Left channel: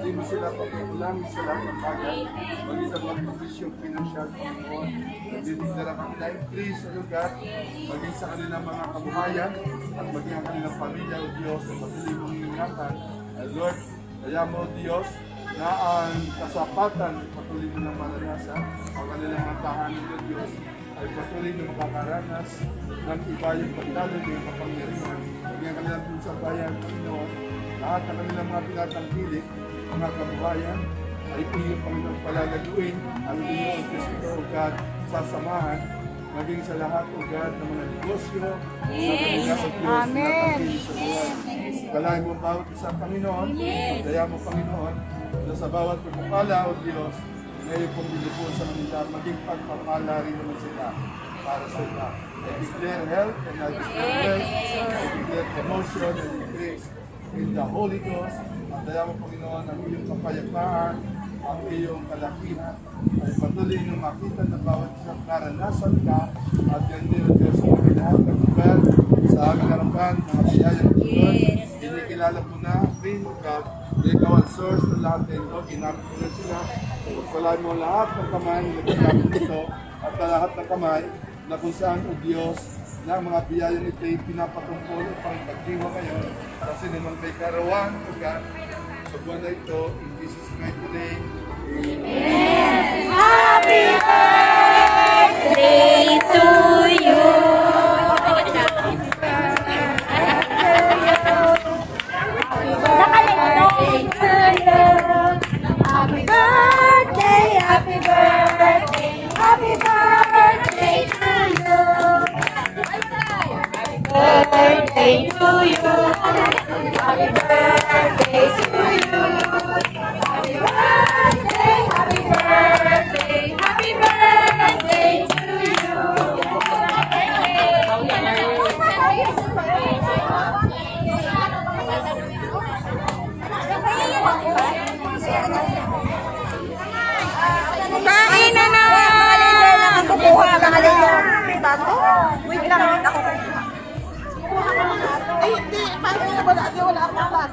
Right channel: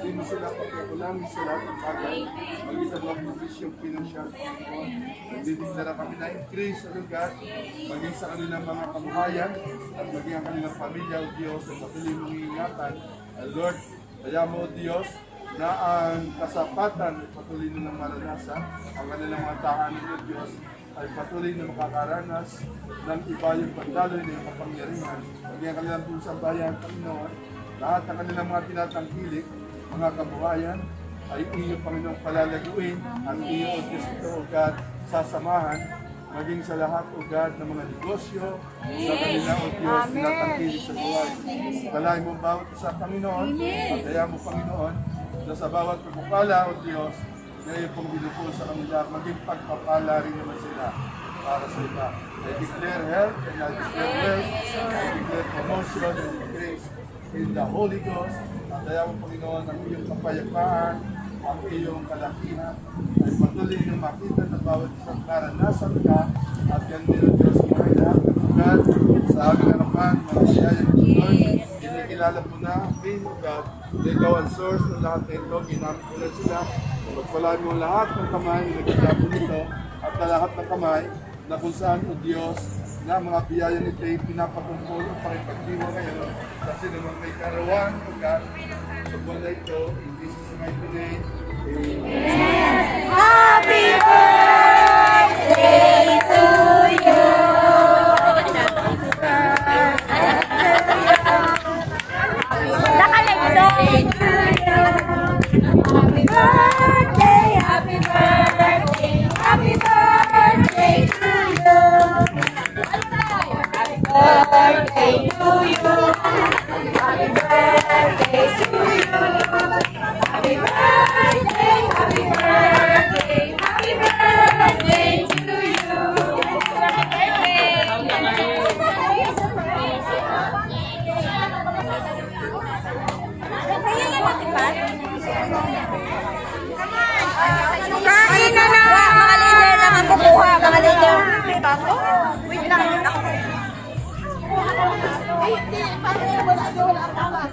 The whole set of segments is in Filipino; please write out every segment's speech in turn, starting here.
Hindi mo sila pagkukulang sila pagbagal, maging sa mga posisyong pinansyal Panginoon. Nagdidiklara kami na increase sa lugar, maging sa kanilang mga kabuhayan, at maging ang kanilang pamilya o Diyos na patuloy mong iingatan. Lord, kaya mo Diyos na ang kasapatan patuloy nilang maranasan, ang kanilang mga tahanan ng Diyos ay patuloy na makakaranas ng iba yung pagdalo ng kapangyarihan. Maging ang kanilang pinsabayan, Panginoon, lahat ng kanilang mga tinatangkilik, mga kabuhayan, ay iyo, Panginoon, palalaguin ang iyo, O Diyos ito, O God, sasamahan, maging sa lahat, O God, ng mga negosyo, sa kanila, O Diyos, tinatangkilik sa buhay. Kalahin mo bawat isa, Panginoon, at kaya mo, Panginoon, na sa bawat pagpapala, O Diyos, na iyo pong binubuo sa kanila, maging pagpapala rin naman sila para sa iba. I declare health and I declare wealth, I declare promotion and grace in the Holy Ghost. At kaya mo, Panginoon, ang iyong kapayapaan, ang iyong kalakihan, ay patuloy na makita na bawat isang naranasan ka, at yan din ang Diyos mo ay lahat ng lugar sa aming harapan, mga biyaya ng Lord. Inikilala mo na, being God, na ikaw ang source ng lahat ng ito, ginamit mo na sila. Pagpalain mo lahat ng kamay, nagkakaroon nito, at lahat ng kamay, na kung saan, O Diyos, na mga biyaya nito ay pinapatumpol upang pagdiwa ngayon, kasi naman may karawan, pagka sa buwan na ito, in Jesus' mighty name, Amen. Happy birthday to you. Happy birthday, happy birthday, happy birthday to you. Happy birthday to you. Happy birthday to you. Happy birthday, happy birthday, happy birthday to you. Kain na na! Ako kuha, mga leader. Tato? Wait lang. Ay, hindi. Wala ang talas.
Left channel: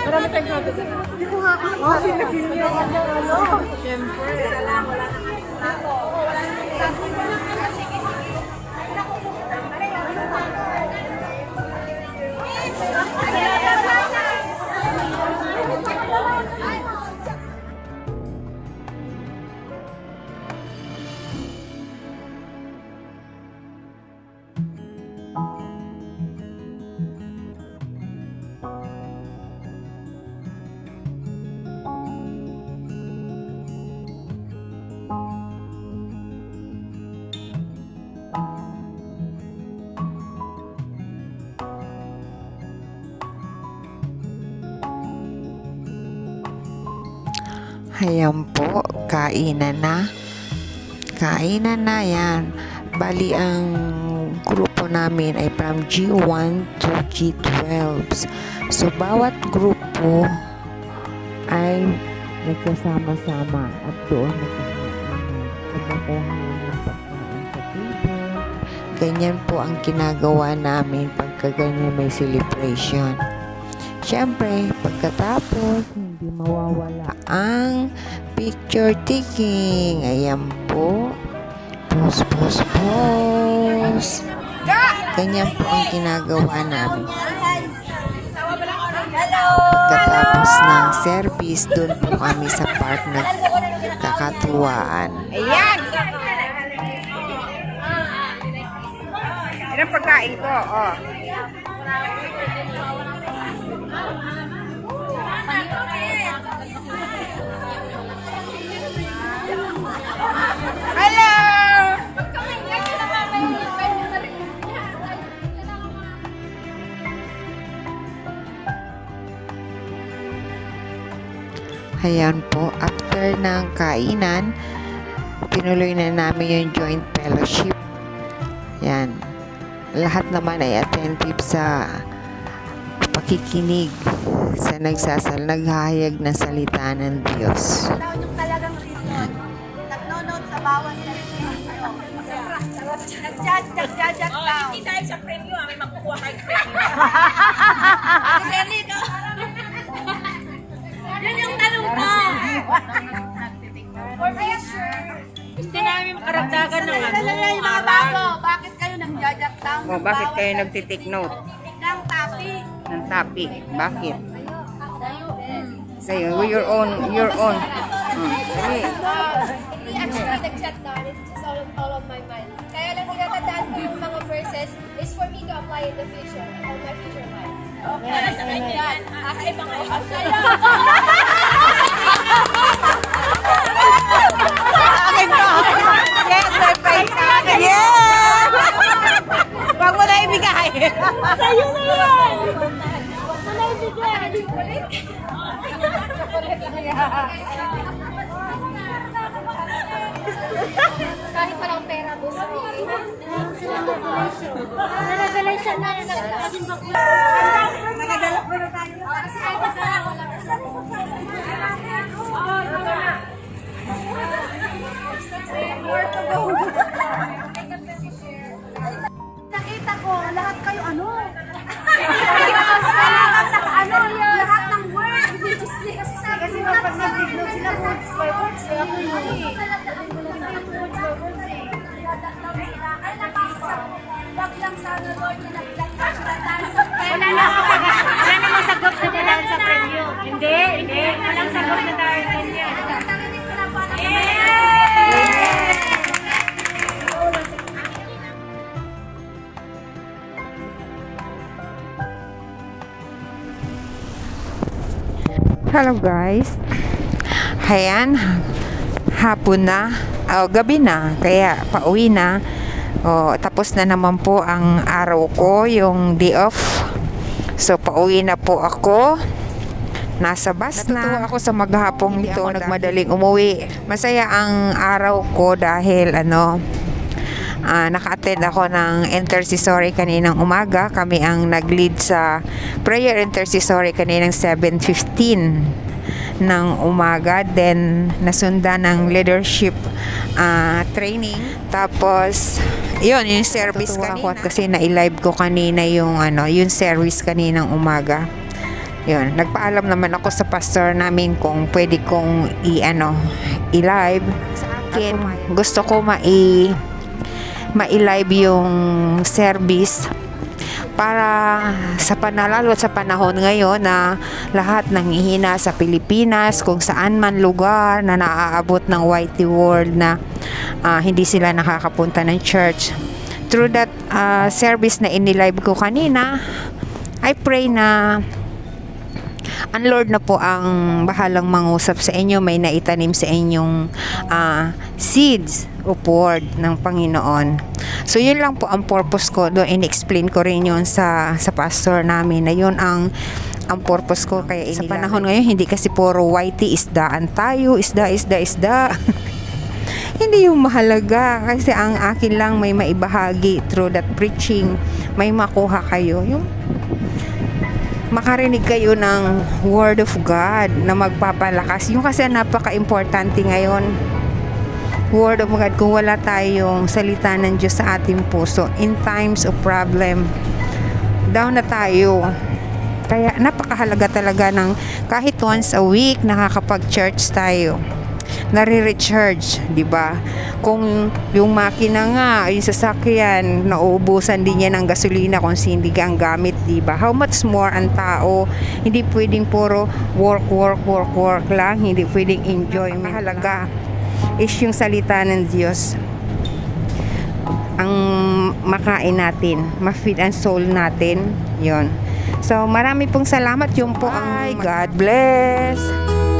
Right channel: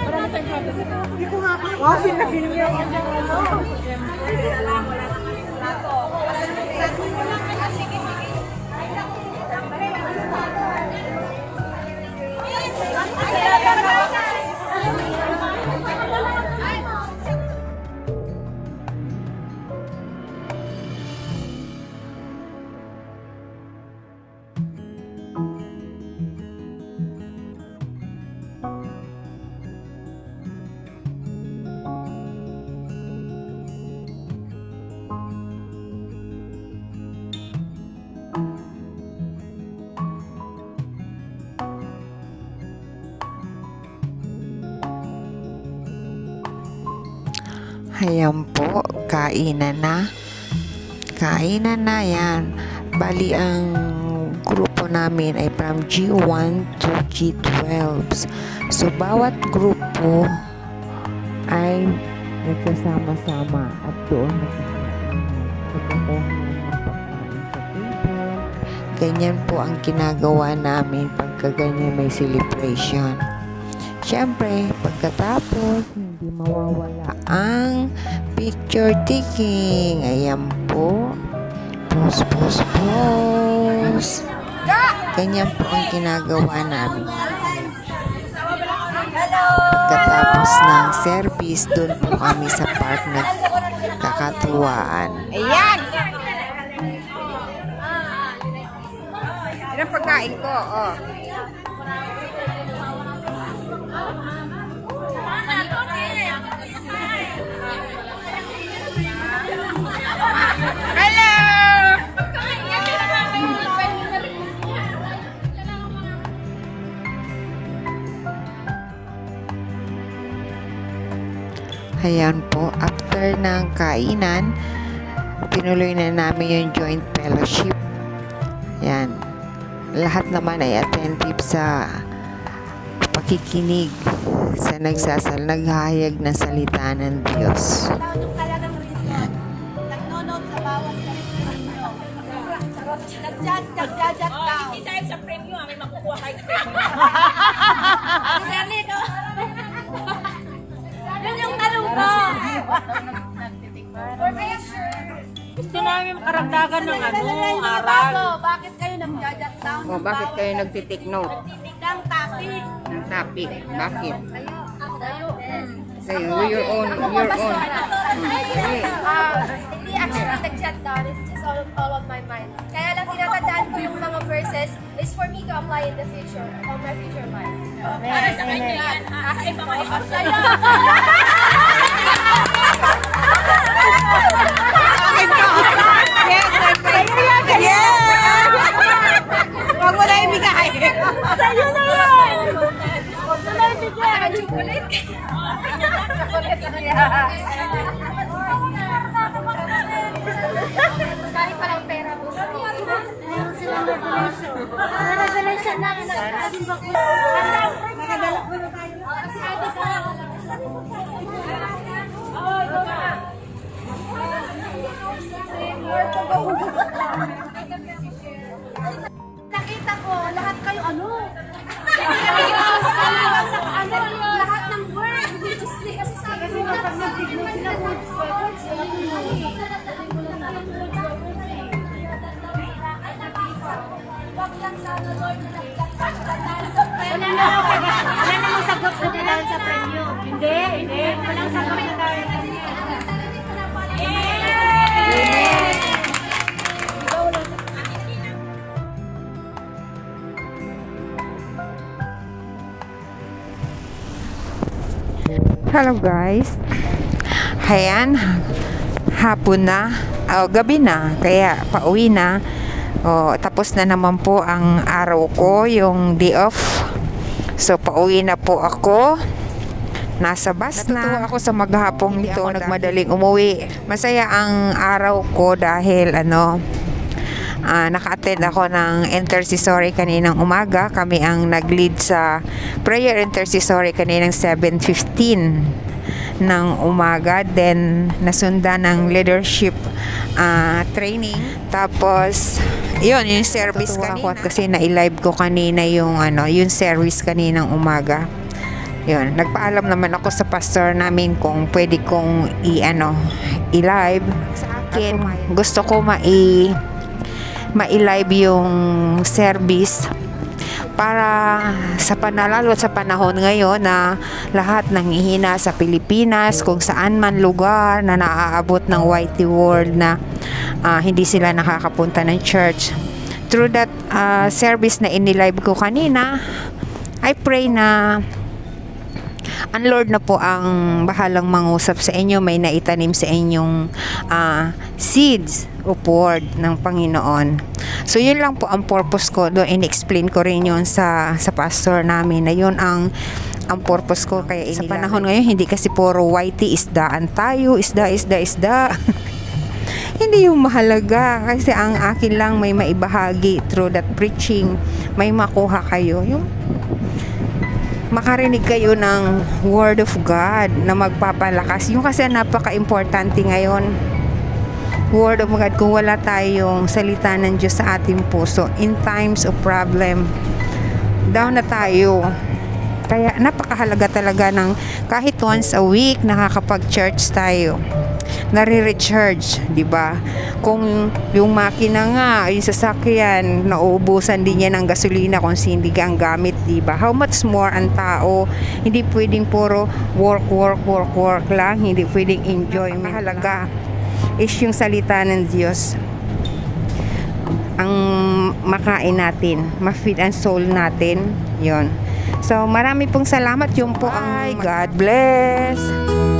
Marami tayong sabi. Hindi ko nga ako nagpasin na film yung ano. Ayan po, kainan na. Kainan na yan. Bali, ang grupo namin ay from G1 to G12. So, bawat grupo ay nagsasama-sama at doon nagkakaroon ng pagkain sa table. Ganyan po ang ginagawa namin pagka ganyan may celebration. Siyempre, pagkatapos, hindi mawawala ang picture taking. Ayan po. Pause, pause, pause. Ganyan po ang ginagawa namin. Pagkatapos ng service, doon po kami sa park nagkakatuwaan. Ayan! Yan ang pagkain ko, oh. Ayan po, after ng kainan, tinuloy na namin yung joint fellowship. Yan. Lahat naman ay attentive sa pakikinig sa naghahayag ng salita ng Diyos. Talagang reason. Nagnonood sa bawat premyo. Nagjajat daw. Hindi dahil sa premyo, may makukuha kayo premyo. Yan yung tanong ko. For sure. Gusto namin makaragdagan ng yung mga bago. Bakit kayo nagjajat daw? Oh, bakit kayo nagtitik note Ng topic. ng topic? Bakit? Sa'yo, your own. Dali. Hindi actually nag-chat down. It's just all of my mind. Kaya lang tinatandaan ko yung mga verses is for me to apply in the future, on my future life. Para sa kanya yan. Kakaiba ka iba sa'yo. Yes, Pag wala ibigay. sa'yo na yan. Huwag mo na ibigay. Dahil parang pera mo sa Meron silang revelation. Revelation na yun. Nakadala ko na tayo. Nakita ko, lahat kayo ano? Lahat ng words. Kasi kapag nag-dignode sila, words by words. Wala namang sagot na dahil sa premyo. Hindi. Walang sagot na dahil sa premyo. Hello guys. Ayan, hapon na, gabi na, kaya pauwi na. Tapos na naman po ang araw ko, yung day off. So pauwi na po ako. Nasa bus na. Natutuwa ako sa maghapong ito, nagmadaling umuwi. Masaya ang araw ko dahil naka-attend ako ng intercessory kaninang umaga. Kami ang nag-lead sa prayer intercessory kaninang 7:15 ng umaga. Then nasundan ng leadership training. Tapos yun, yung service kanina. Kasi na-live ko kanina yung service kaninang umaga. Yun, nagpaalam naman ako sa pastor namin kung pwede kong i-live. Sa akin, gusto ko ma-live yung service para sa lalo sa panahon ngayon na lahat nanghihina sa Pilipinas, kung saan man lugar na naaabot ng YT World na hindi sila nakakapunta ng church. Through that service na inilive ko kanina, I pray na ang Lord na po ang bahalang mangusap sa inyo, may naitanim sa inyong seeds of word ng Panginoon. So yun lang po ang purpose ko doon. In-explain ko rin yun sa pastor namin na yun ang purpose ko. Kaya sa panahon ngayon, hindi kasi puro YT, isdaan tayo, isda. Hindi yung mahalaga, kasi ang akin lang may maibahagi through that preaching, may makuha kayo, yung makarinig kayo ng Word of God na magpapalakas. Yung kasi napaka-importante ngayon, Word of God. Kung wala tayong salita ng Diyos sa ating puso, in times of problem, down na tayo. Kaya napakahalaga talaga ng kahit once a week nakakapag-church tayo. Nare-recharge, di ba? Kung yung makina nga, yung sasakyan, nauubusan din yan ng gasolina kung hindi ang gamit, di ba? How much more ang tao? Hindi pwedeng puro work lang, hindi pwedeng enjoy. Mahalaga is yung salita ng Diyos. Ang makain natin, ma-feed and soul natin. Yon. So, marami pong salamat. Yun po ang God bless.